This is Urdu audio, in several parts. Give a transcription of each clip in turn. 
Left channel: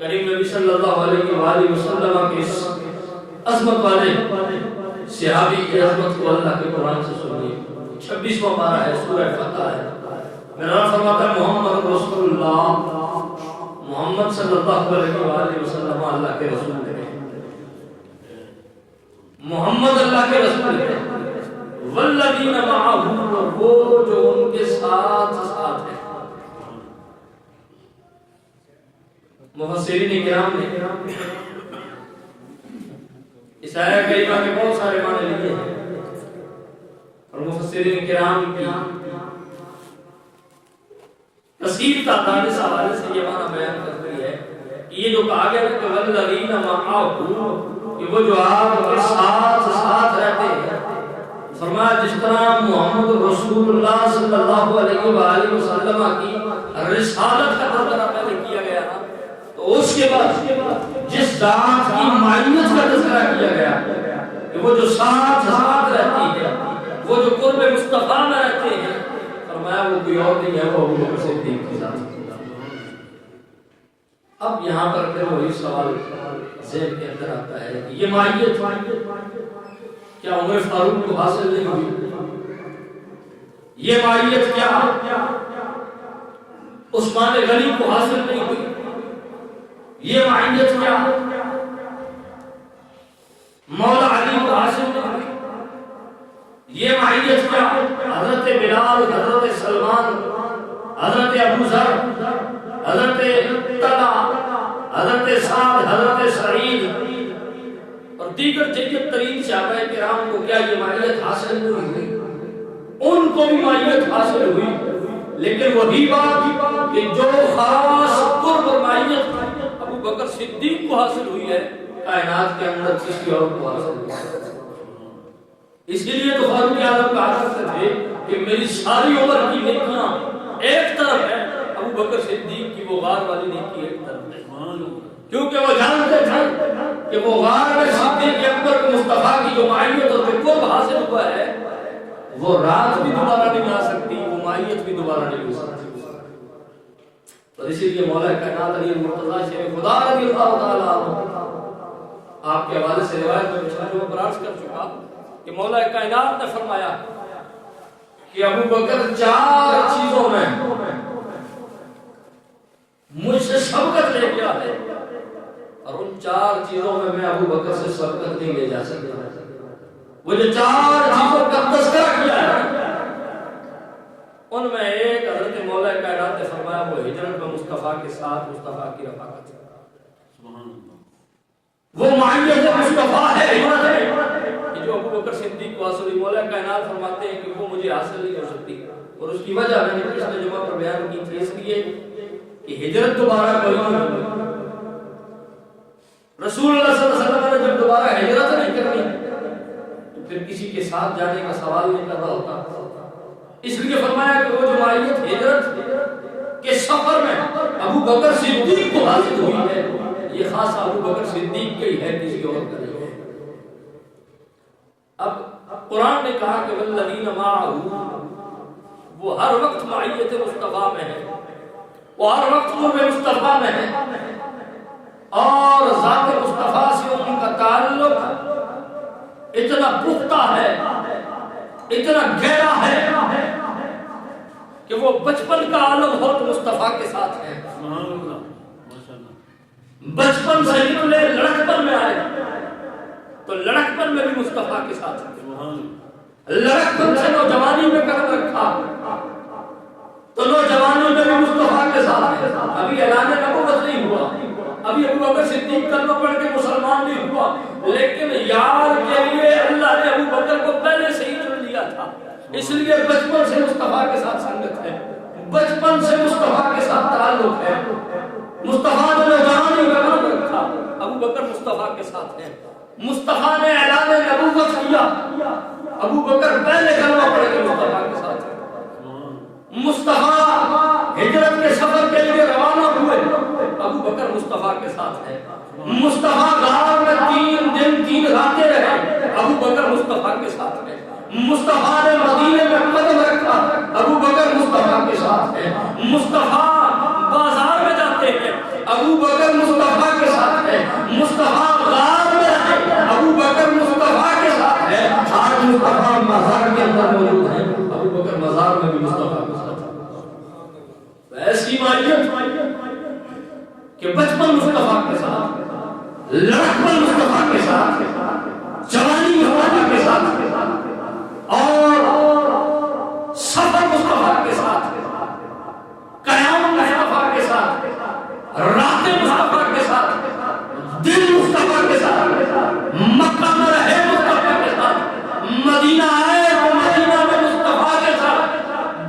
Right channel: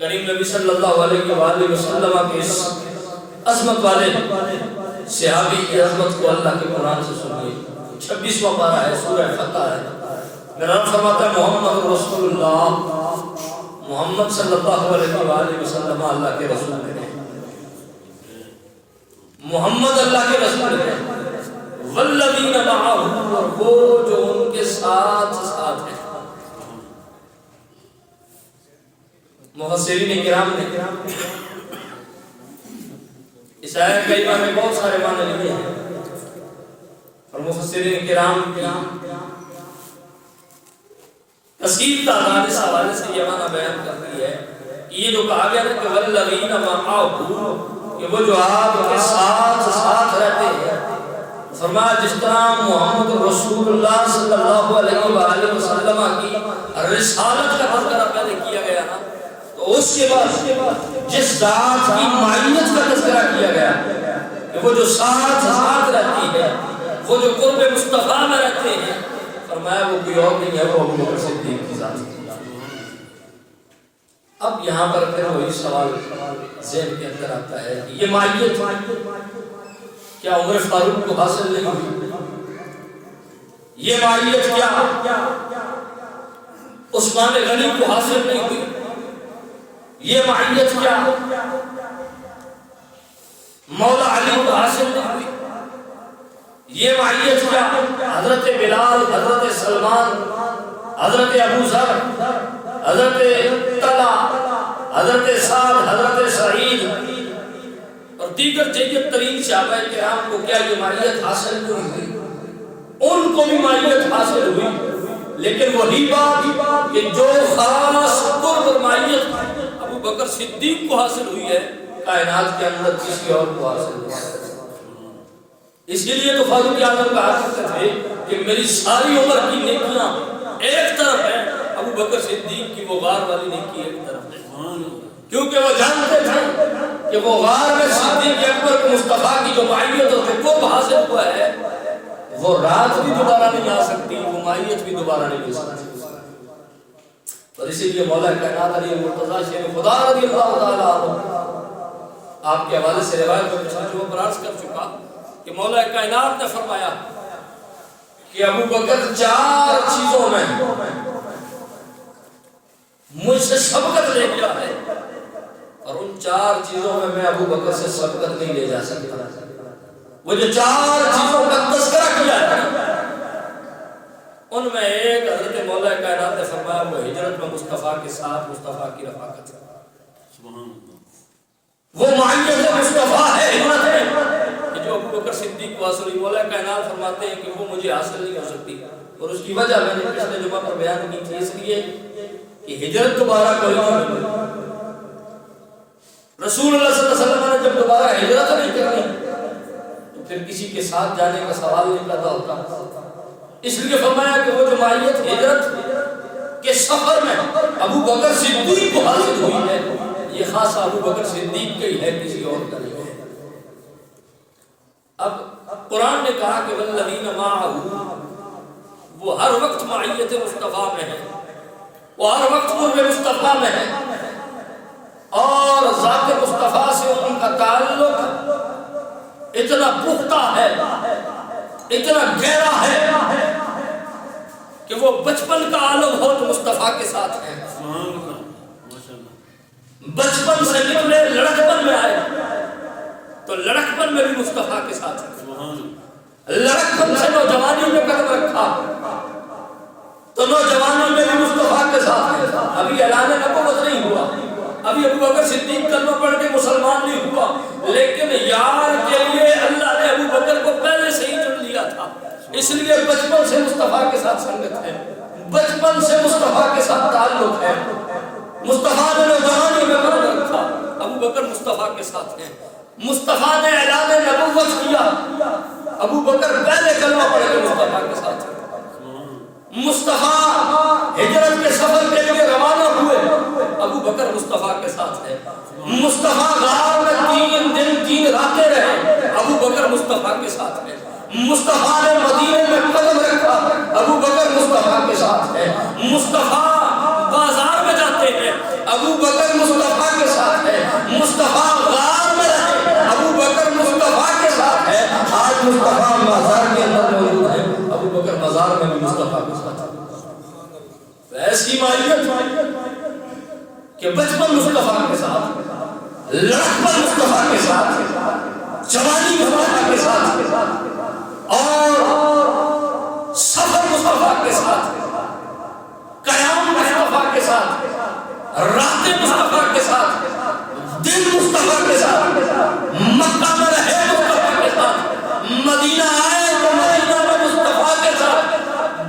کریم نبی صلی اللہ علیہ وآلہ وسلم کے اس عظمت والے صحابی کی عظمت کو اللہ کے قرآن سے سنیے. 26واں پارہ ہے، سورہ فتح ہے. میرا رب فرماتا ہے محمد رسول اللہ، محمد صلی اللہ علیہ وآلہ وسلم اللہ کے رسول ہیں، محمد اللہ کے رسول ہیں. والذین معہ، اور وہ جو ان کے ساتھ ساتھ ہیں. مفسرین کرام نے اس آیت کریمہ میں بہت سارے معنی لکھے ہیں اور مفسرین کرام کی کثیر تعداد اس حوالے سے یہ معنی بیان کرتی ہے کہ یہ جو کہا گیا ہے کہ والذین معہ، کہ وہ جو آپ کے ساتھ رہتے ہیں. فرمایا جس طرح محمد رسول اللہ صلی اللہ علیہ وآلہ وسلم کی رسالت کا تذکرہ پہلے کیا گیا نا، تو اس کے بعد جس ذات کی معیت کا تذکرہ کیا گیا کہ وہ جو ساتھ رہتی ہے، وہ جو قرب مصطفیٰ میں رہتے ہیں، فرمایا وہ کوئی اور نہیں ہے، وہ ابو بکر صدیق کی ذات. اب یہاں پر پھر وہی سوال ذہن کے اندر آتا ہے کہ یہ معیت کیا عمر فاروق کو حاصل نہیں ہوئی؟ یہ معیت کیا عثمان غنی کو حاصل نہیں ہوئی؟ یہ معیت کیا مولا علی کو حاصل نہیں ہوئی؟ یہ معیت کیا حضرت بلال، حضرت سلمان، حضرت ابو ذر، حضرت طلحہ، حضرت سعد، حضرت سعید اور دیگر جید ترین صحابہ کرام کو کیا یہ معیت حاصل نہیں ہوئی؟ ان کو بھی معیت حاصل ہوئی، لیکن وہی بات کہ جو خاص قرب اور معیت ابو بکر صدیق کو حاصل ہوئی ہے، کائنات کے اندر کسی اور کو حاصل نہیں ہے. اسی لیے تو فاروق اعظم کہا کرتے تھے کہ میری ساری عمر کی نیکیاں ایک طرف ہیں، ابو بکر صدیق کی وہ غار والی نیکی ایک طرف ہے. کیونکہ وہ جانتے تھے کہ وہ غار میں صدیق اکبر کو مصطفیٰ کی جو معیت اور قرب حاصل ہوا ہے، وہ رات بھی دوبارہ نہیں آ سکتی، وہ معیت بھی دوبارہ نہیں ہو سکتی. اور اسی لیے مولا کائنات علی مرتضیٰ شیر خدا رضی اللہ تعالیٰ عنہ آپ کے حوالے سے روایت میں پچھلے جو میں عرض کر چکا کہ مولا کائنات نے فرمایا کہ ابو بکر 4 چیزوں میں مجھ سے سبقت لے گیا ہے، اور ان 4 چیزوں میں ابو بکر سے سبقت نہیں لے جا سکتا. وہ جو 4 چیزوں کا تذکرہ کیا ہے ان میں ایک حضرت مولا کائنات نے فرمایا وہ ہجرت میں مصطفیٰ کے ساتھ مصطفیٰ کی رفاقت. وہ معیت مصطفیٰ ہے ہجرت میں کہ جو ابو بکر صدیق کو حاصل ہوئی. مولا کائنات فرماتے ہیں کہ وہ مجھے حاصل نہیں ہو سکتی، اور اس کی وجہ میں نے پچھلے جمعہ پر بیان کی تھی، اس لیے کہ ہجرت دوبارہ کرنا نہیں. رسول اللہ صلی اللہ علیہ وسلم نے جب دوبارہ ہجرت نہیں کرنی تو پھر کسی کے ساتھ جانے کا سوال نہیں پیدا ہوتا. اس لیے فرمایا کہ وہ جو معیت ہجرت کے سفر میں ابو بکر صدیق کو حاصل ہوئی ہے، یہ خاص ابو بکر صدیق کی ہے، کسی اور کا نہیں ہے. اب قرآن نے کہا کہ والذین معہ، وہ ہر وقت معیت مصطفیٰ میں ہے، وہ ہر وقت قرب مصطفیٰ میں ہے، اور ذات مصطفیٰ سے ان کا تعلق اتنا پختہ ہے، اتنا گہرا ہے کہ وہ بچپن کا عالم ہو تو مصطفیٰ کے ساتھ ہے. بچپن سے نکلے لڑکپن میں آئے تو لڑکپن میں بھی مصطفیٰ کے ساتھ ہے. لڑکپن سے نوجوانی میں قدم رکھا تو نوجوانی میں بھی مصطفیٰ کے ساتھ ہے. ابھی اعلان نبوت نہیں ہوا، ابھی ابو بکر صدیق کلمہ پڑھ کے مسلمان نہیں ہوا، لیکن یار کے لیے اللہ نے ابو بکر کو پہلے سے ہی چن لیا تھا. اس لیے بچپن سے مصطفیٰ کے ساتھ سنگت ہے، بچپن سے مصطفیٰ کے ساتھ تعلق ہے. مصطفیٰ نے نوجوانی میں قدم رکھا، ابو بکر مصطفیٰ کے ساتھ ہیں. مصطفیٰ نے اعلان نبوت کیا، ابو بکر پہلے کلمہ پڑھ کے مصطفیٰ کے ساتھ ہیں. مصطفیٰ ہجرت کے سفر کے لیے روانہ ہوئے، ابو بکر مصطفیٰ کے ساتھ ہے. مصطفیٰ غار میں 3 دن 3 راتیں رہے، ابو بکر مصطفیٰ کے ساتھ ہے. مصطفیٰ نے مدینے میں قدم رکھا، ابو بکر مصطفیٰ کے ساتھ ہے. مصطفیٰ بازار میں جاتے ہیں، ابو بکر مصطفیٰ کہ بچپن مصطفیٰ کے ساتھ، لڑکپن مصطفیٰ کے ساتھ، جوانی مصطفیٰ کے ساتھ، اور سفر مصطفیٰ کے ساتھ، قیام مصطفیٰ کے ساتھ، رات مصطفیٰ کے ساتھ، دل مصطفیٰ کے ساتھ، مکہ میں رہے مصطفیٰ کے ساتھ، مدینہ آئے تو مدینہ میں مصطفیٰ کے ساتھ،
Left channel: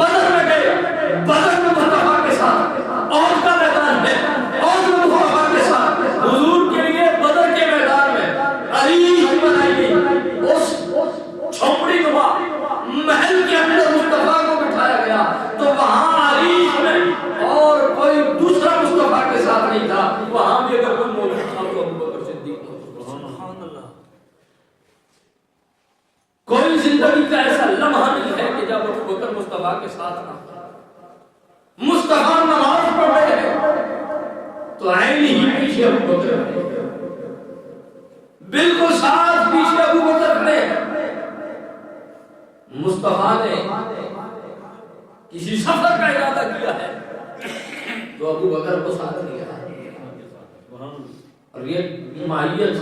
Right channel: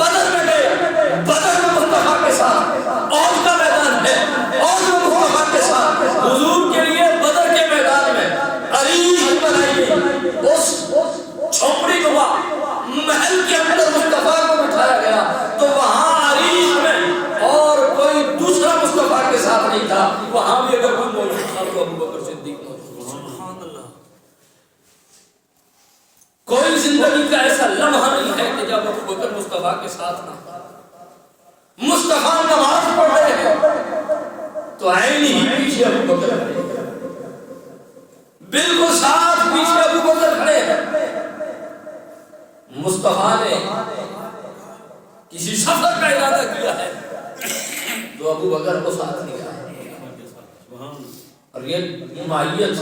بدر میں گئے بدر میں مصطفیٰ کے ساتھ، اور کا میدان ہے اور میں مصطفیٰ کے ساتھ، حضور کے لیے بدر کے میدان میں عریش بنائی گئی، اس چھوپڑی نما محل کے اندر مصطفیٰ کو بٹھایا گیا، تو وہاں عریش میں اور کوئی دوسرا مصطفیٰ کے ساتھ نہیں تھا، وہاں بھی اگر کوئی موجود تھا تو ابو بکر صدیق موجود تھا۔ سبحان اللہ۔ کوئی زندگی کا ایسا لمحہ نہیں ہے کہ جب ابو بکر مصطفیٰ کے ساتھ نہ ہو۔ مصطفیٰ نماز پڑھ رہے ہیں تو عین ہی پیچھے ابو بکر کھڑے ہیں، بالکل ساتھ پیچھے ابو بکر کھڑے ہیں۔ مصطفیٰ نے کسی سفر کا ارادہ کیا ہے تو ابو بکر کو ساتھ لیا ہے، اور یہ معیت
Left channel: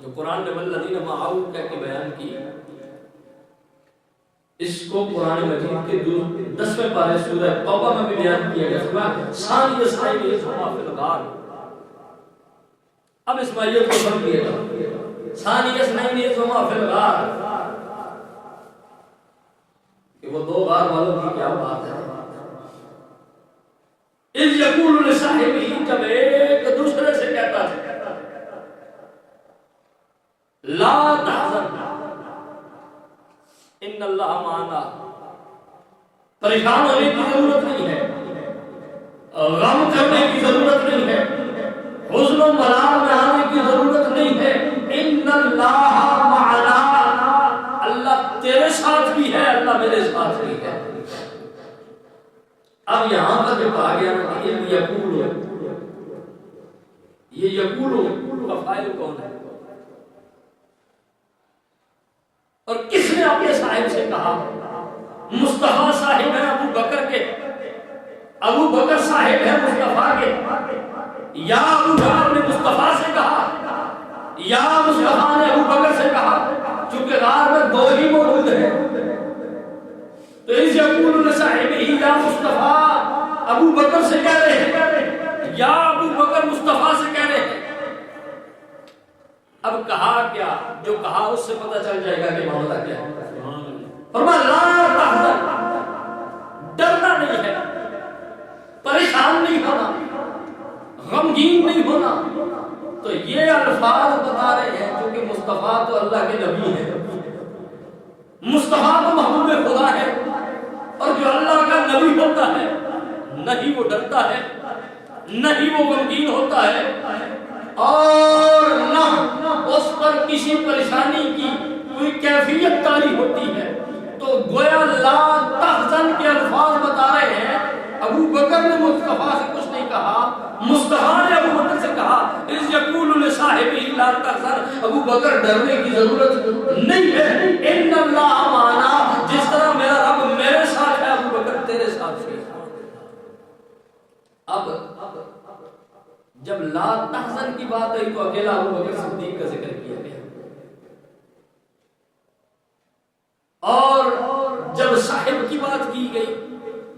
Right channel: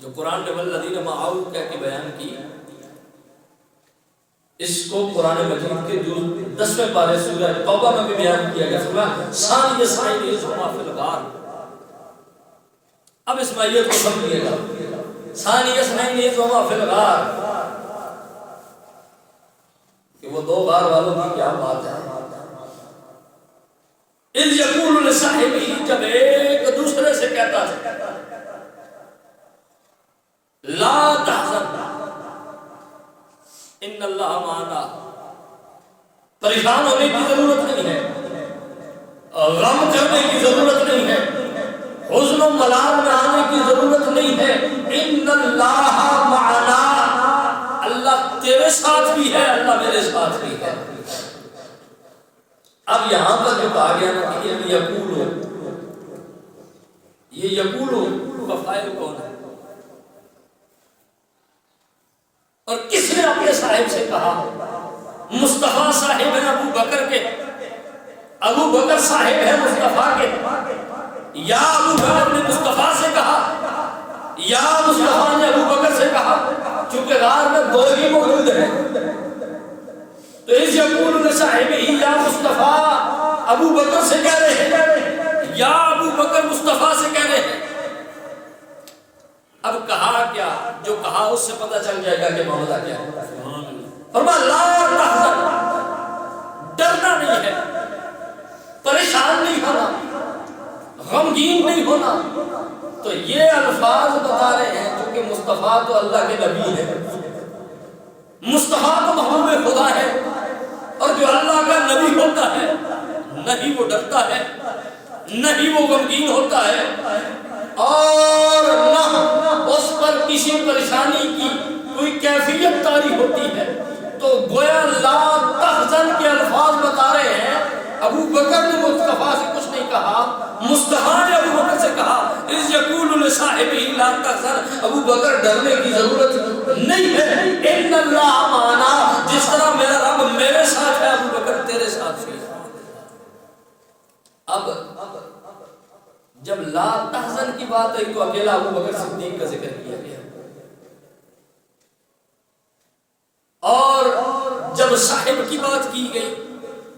جو قرآن نے والذین معہ کہہ کے بیان کی، اس کو قرآن مجید کے 10ویں پارے سورہ توبہ میں بھی بیان کیا گیا، فرمایا ثانی اثنین اذ ہما فی الغار۔ اب اس معیت کو سمجھیے گا، ثانی اثنین اذ ہما فی الغار، کہ وہ دو غار والوں کی کیا بات ہے۔ اذ یقول لصاحبہ، جب ایک دوسرے سے کہتا ہے لا تحزن ان اللہ معنا، پریشان ہونے کی ضرورت نہیں ہے، غم کرنے کی ضرورت نہیں ہے، حزن و ملال میں آنے کی ضرورت نہیں ہے، ان اللہ معنا، اللہ تیرے ساتھ بھی ہے، اللہ میرے ساتھ بھی ہے۔ اب یہاں پر جو کہا گیا نا کہ یہ یقولو کا فاعل کون ہے، اور کس نے اپنے صاحب سے کہا؟ مصطفیٰ صاحب ہے ابو بکر کے، ابو بکر صاحب ہے مصطفیٰ کے، یا ابو بکر نے مصطفیٰ سے کہا یا مصطفیٰ نے ابو بکر سے کہا، چونکہ غار میں دو ہی موجود ہیں، تو اس یقول لصاحبہ یا مصطفیٰ ابو بکر سے کہہ رہے ہیں یا ابو بکر مصطفیٰ سے کہہ رہے ہیں۔ اب کہا کیا؟ جو کہا اس سے پتہ چل جائے گا کہ معاملہ کیا ہے۔ فرمایا لا تحزن، ڈرنا نہیں ہے، پریشان نہیں ہونا، غمگین نہیں ہونا۔ تو یہ الفاظ بتا رہے ہیں کیونکہ مصطفیٰ تو اللہ کے نبی ہے، مصطفیٰ تو محبوب خدا ہے، اور جو اللہ کا نبی ہوتا ہے نہ ہی وہ ڈرتا ہے، نہ ہی وہ غمگین ہوتا ہے، اور نہ اس پر کسی پریشانی کی کوئی کیفیت طاری ہوتی ہے۔ تو گویا لا تحزن کے الفاظ بتا رہے ہیں، ابو بکر نے مصطفیٰ سے کچھ نہیں کہا، مصطفیٰ نے ابو بکر سے کہا اذ یقول لصاحبہ لا تحزن، ابو بکر ڈرنے کی ضرورت نہیں ہے، ان اللہ معنا، جس طرح میرا رب میرے ساتھ ہے ابو بکر تیرے ساتھ ہے۔ اب جب لا تحزن کی بات آئی تو اکیلا ابو بکر صدیق کا ذکر کیا گیا، اور جب صاحب کی بات کی گئی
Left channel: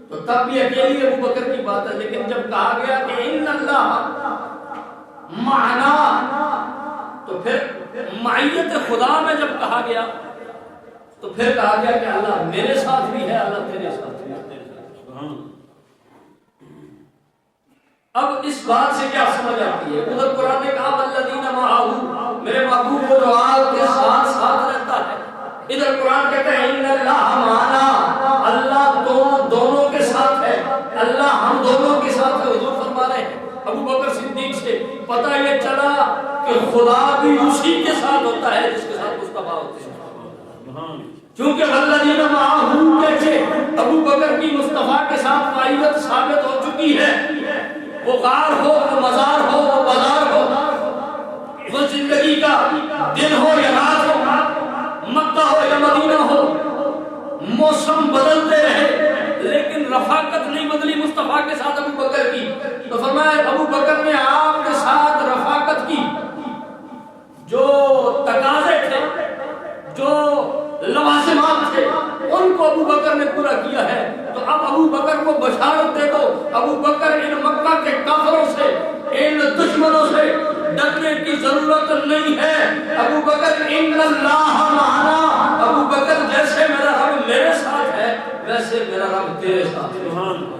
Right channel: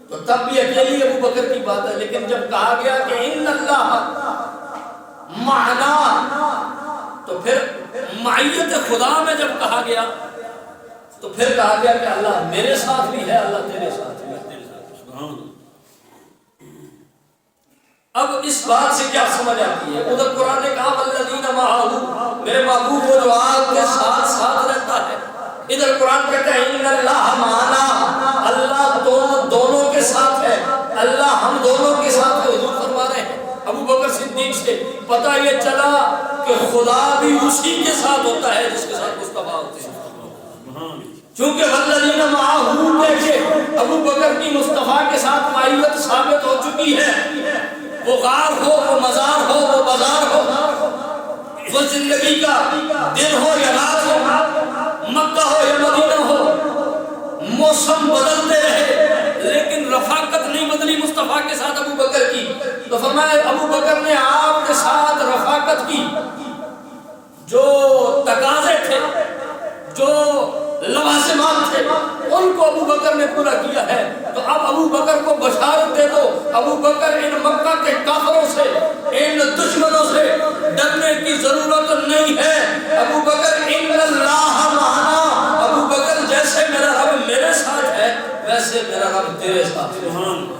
تو تب بھی اکیلی ابو بکر کی بات ہے، لیکن جب کہا گیا کہ ان اللہ معنا، تو پھر معیت خدا میں جب کہا گیا تو پھر کہا گیا کہ اللہ میرے ساتھ بھی ہے، اللہ تیرے ساتھ بھی ہے۔ اب اس بات سے کیا سمجھ آتی ہے؟ ادھر قرآن نے کہا والذین معہ، میرے محبوب وہ جو آپ کے ساتھ ساتھ رہتا ہے، ادھر قرآن کہتا ہے ان اللہ معنا، اللہ دونوں کے ساتھ ہے، اللہ ہم دونوں کے ساتھ ہے۔ حضور فرما رہے ہیں ابو بکر صدیق سے پتہ یہ چلا کہ خدا بھی اسی کے ساتھ ہوتا ہے جس کے ساتھ مصطفیٰ ہوتے ہیں، چونکہ والذین معہ کہہ کے ابو بکر کی مصطفیٰ کے ساتھ معیت ثابت ہو چکی ہے۔ وہ غار ہو، وہ مزار ہو، وہ بازار ہو، وہ زندگی کا دن ہو یا رات ہو، مکہ ہو یا مدینہ ہو، موسم بدلتے رہے لیکن رفاقت نہیں بدلی مصطفیٰ وفا کے ساتھ ابو بکر کی، تو فرمایا ابو بکر نے آپ کے ساتھ رفاقت کی، جو تقاضے تھے، جو لوازمات تھے، ان کو ابو بکر نے پورا کیا ہے۔ تو اب ابو بکر کو بشارت دے دو، ابو بکر ان مکہ کے کافروں سے، ان دشمنوں سے ڈرنے کی ضرورت نہیں ہے۔ ابو بکر ان اللہ معنا، ابو بکر جیسے میرا رب میرے ساتھ ہے ویسے میرا رب تیرے ساتھ ہے۔